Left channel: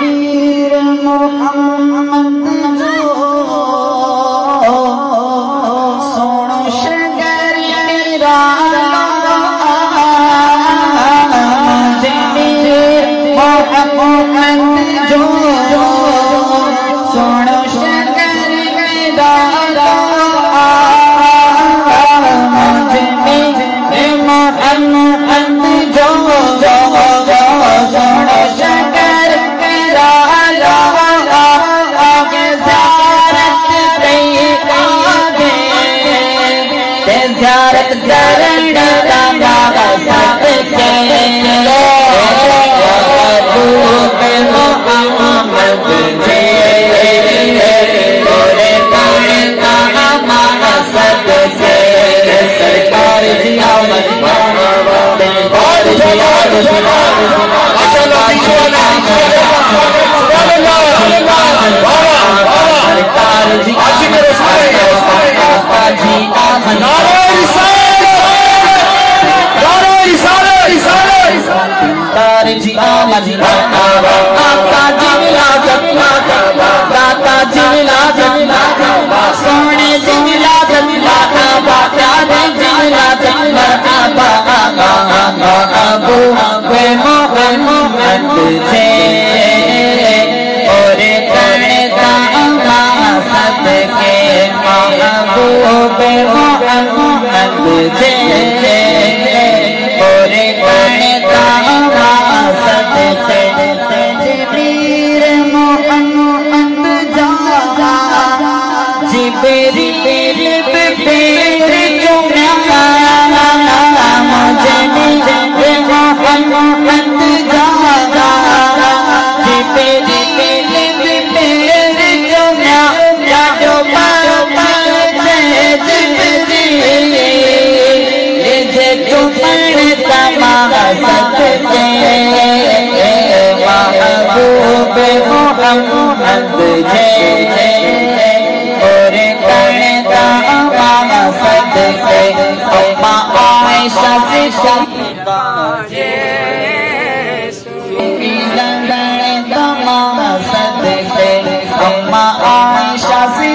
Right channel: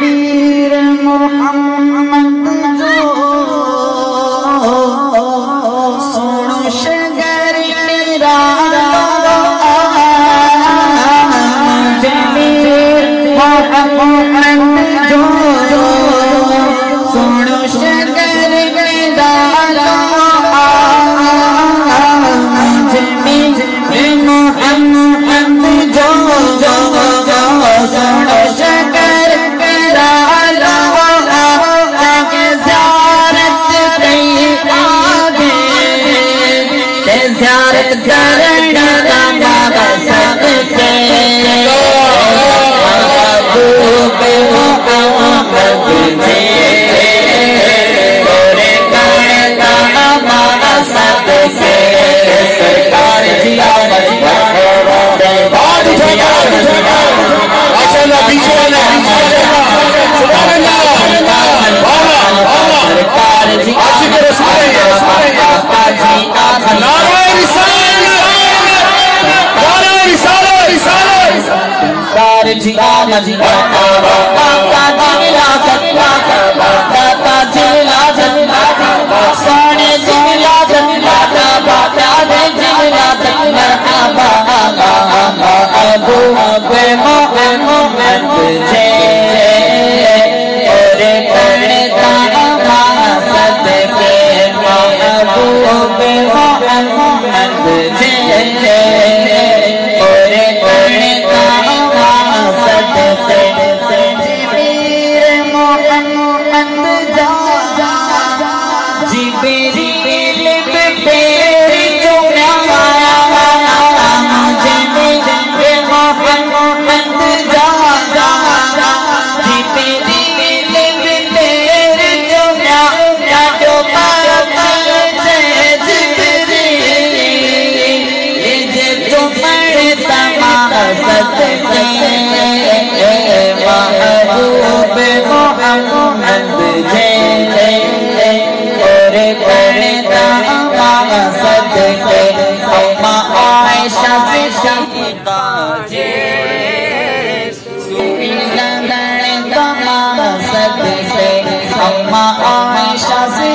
वीर मोहम्मद जो सोनो शगर मेरा वीर मोहम्मद जो सोनो शगर मेरा ज़ियारत करने का बाबा सबसे महबूब मोहम्मद जी गोरे गोरे का बाबा सबसे सरकार जी दरबार जी चलो पीछे सरकार जी अम्मा आयशा से